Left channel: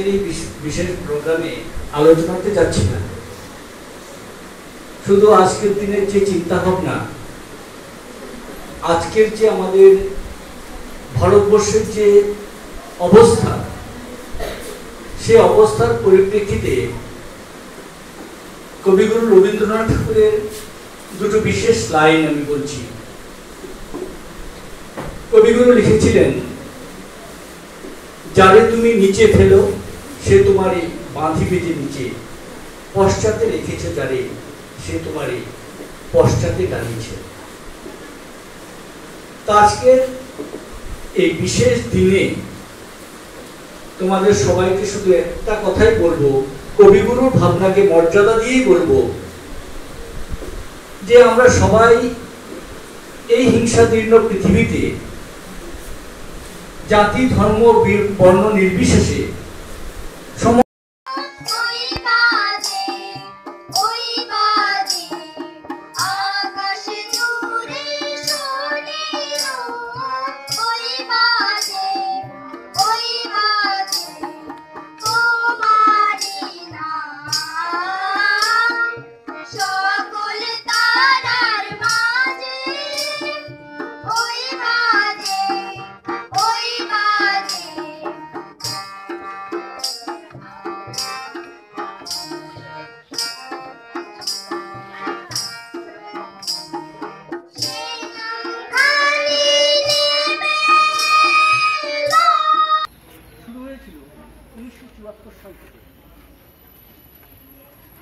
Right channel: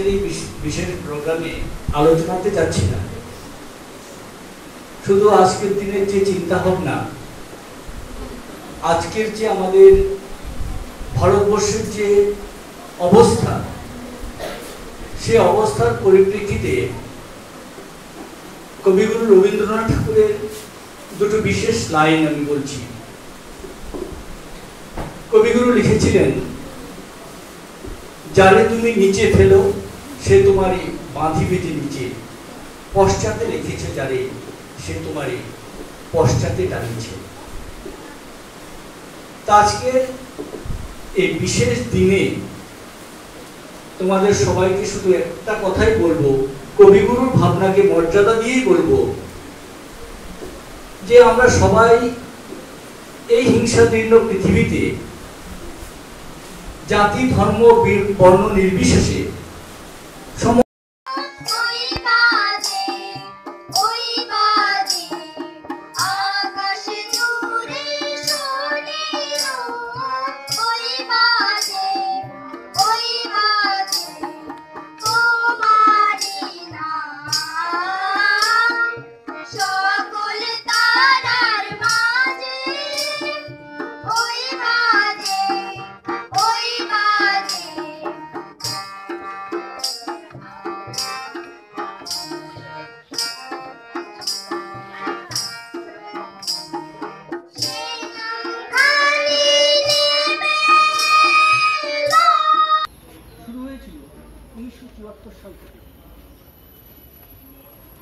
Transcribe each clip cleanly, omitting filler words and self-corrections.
আজকের এই বিশেষ প্রোগ্রামে আলোচনাতে যাচ্ছি না। শুধু আজকের দিনের যে চিন্তা ভাবনা, আজকের যে আমাদের ভারতবর্ষের যে অবস্থা, সে অবস্থার পরিপ্রেক্ষিতে কবিগুরু রবীন্দ্রনাথ ঠাকুরের দুটো বিশেষ লাইন আমি বলছি। কবিগুরু লিখেছিলেন, যারে তুমি নিচে ফেলো সে তোমারে বাঁধিবে যে নিচে, পশ্চাতে রেখেছে যারে সে তোমারে পশ্চাতে টানিয়েছে। আজকের এই বিশেষ দিনে তোমাদের সবাইকে শুধু একটা কথাই বলবো, কবিগুরুর ভাবনাকে মর্যাদা দিয়েই বলবো যে আমরা সবাই এই হিংসাদীর্ণ পৃথিবীতে জাতি ধর্ম বর্ণ নির্বিশেষে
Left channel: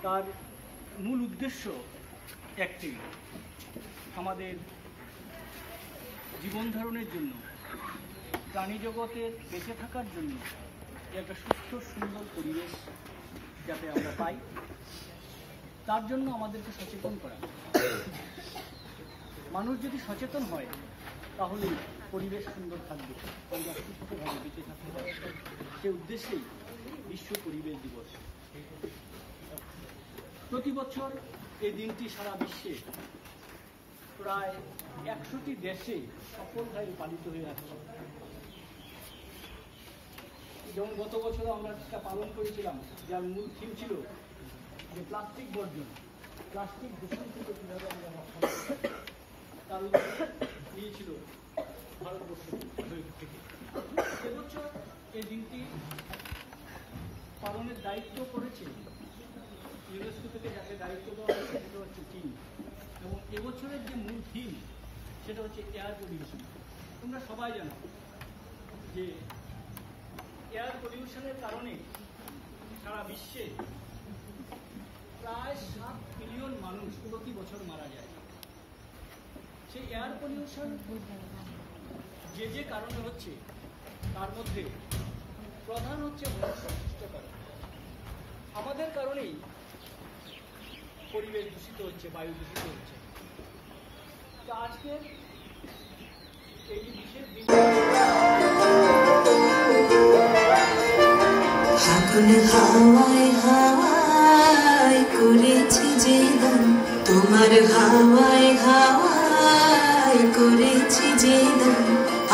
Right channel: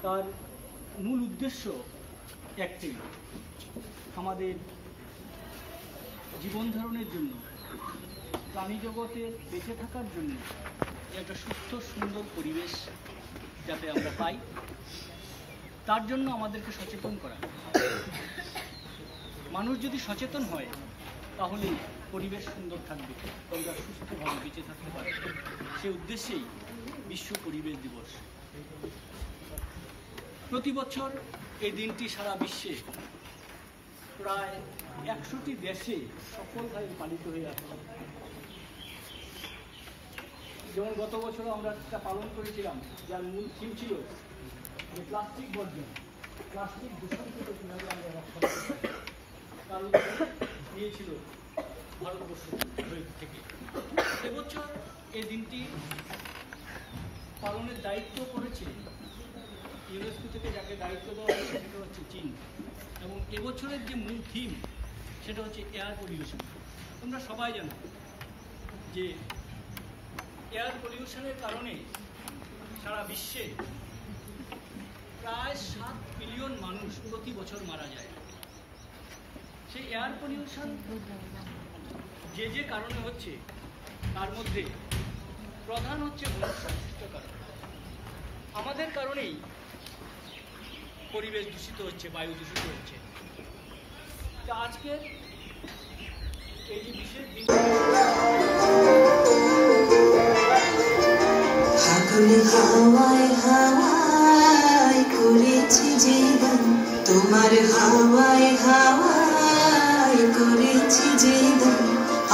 তার মূল উদ্দেশ্য একটাই, আমাদের জীবন ধারণের জন্য, প্রাণী জগতের বেঁচে থাকার জন্য একটা সুস্থ সুন্দর পরিবেশ যাতে আমরা পাই, তার জন্য আমাদেরকে সচেতন করা। মানুষ যদি সচেতন হয় তাহলে পরিবেশ সুন্দর থাকবে, আমরা সুস্থভাবে বেঁচে থাকতে পারব। সে উদ্দেশ্যেই বিশ্ব পরিবেশ দিবস। প্রতি বছর এই দিনটি সারা বিশ্বে প্রায় 100টি দেশে সফলভাবে পালিত হয়ে আসছে। যেমন গত বছর আমরা সেটা পালন করেছিলাম, যার মূল থিম ছিল যে প্লাস্টিক বর্জন, প্লাস্টিক দূষণ থেকে কীভাবে আমরা রক্ষা করতে পারি, তার উপরে দিয়েছিল ভারতবর্ষ থেকে। এবছর এই দিনটি পালনের দায়িত্ব করেছে ইউনেস্কো থেকে, যাকে দায়িত্ব দেওয়া হয়েছে সেটা হচ্ছে চীন। এবং এবছরের যে মূল থিম সেটা হচ্ছে এয়ার পলিউশন। তোমরা সবাই জানো যে এয়ার পলিউশনের কারণে সারা বিশ্বে প্রায় 7 বিলিয়ন মানুষ প্রতি বছর মারা যায়। সেই এয়ার পলিউশন যে কারণে হচ্ছে, তার মধ্যে প্রধান হচ্ছে মনুষ্যসৃষ্ট কারণ। আমাদের কারণেই পরিবেশ দূষিত হচ্ছে, বায়ু দূষিত হচ্ছে। তো আজকের এই বিশেষ দিন হাওয়ায় হাওয়ায় করেছি যে দান, তোমার হাওয়ায় হাওয়ায় করেছি যে দান,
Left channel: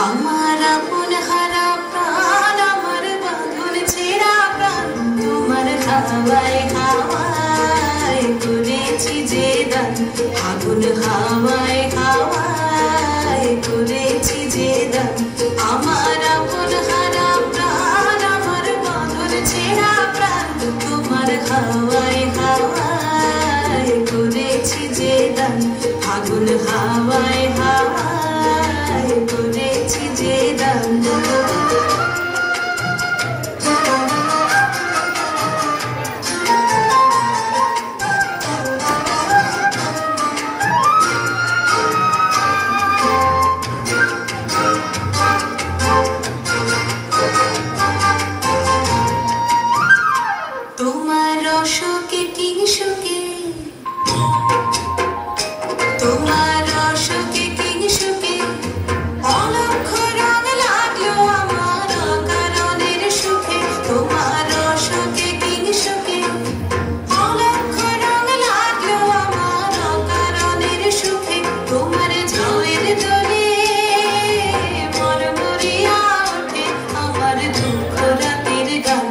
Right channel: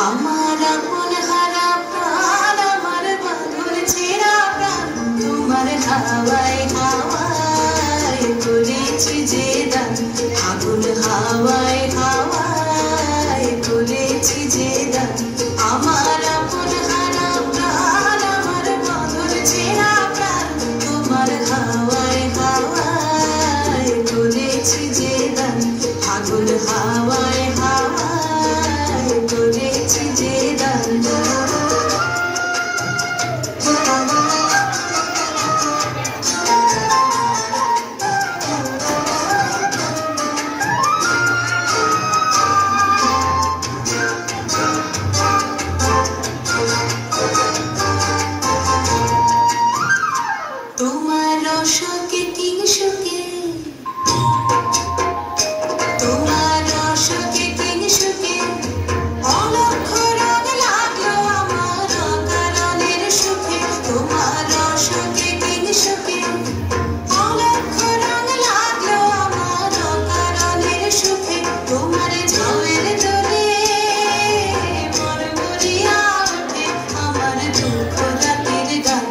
আমার আপন হারা প্রাণ, আমার বাঁধন ছেঁড়া প্রাণ, তোমার হাওয়ায় হাওয়ায় করেছি যে দান, আগুন হাওয়ায় হাওয়ায় করেছি যে দান, আমার আপন হারা প্রাণ, আমার বাঁধন ছেঁড়া প্রাণ, তোমার হাওয়ায় হাওয়ায় করেছি যে দান, আগুন হাওয়ায় হাওয়ায় করেছি যে দান। তোমার অশোকে কি সুখে, তোমার অশোকে কি সুখে, অলক্ষ রং লাগলো আমার অকারণের সুখে, তোমার অশোকে কি সুখে, অলক্ষ রং লাগলো আমার অকারণের সুখে, তোমার ঝাউয়ের দোলে মরমরিয়া ওঠে আমার দুঃখ রাতের গান,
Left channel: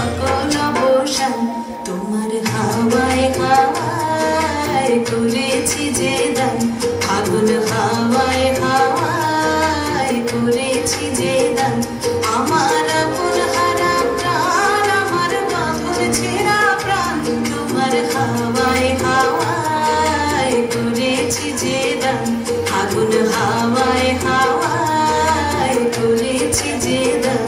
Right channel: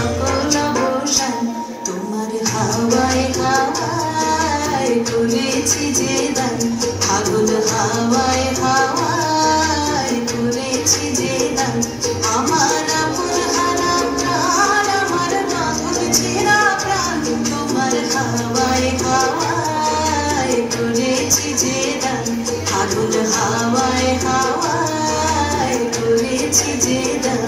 সকল অবসান তোমার হাওয়ায় হাওয়ায় করেছি যে দান ফাগুন হাওয়ায় হাওয়ায় করেছি যে দান আমার আপন হারা প্রাণ আমার পাগল ছেঁড়া প্রাণ তোমার হাওয়ায় হাওয়ায় করেছি যে দান ফাগুন হাওয়ায় হাওয়ায় করেছি যে দান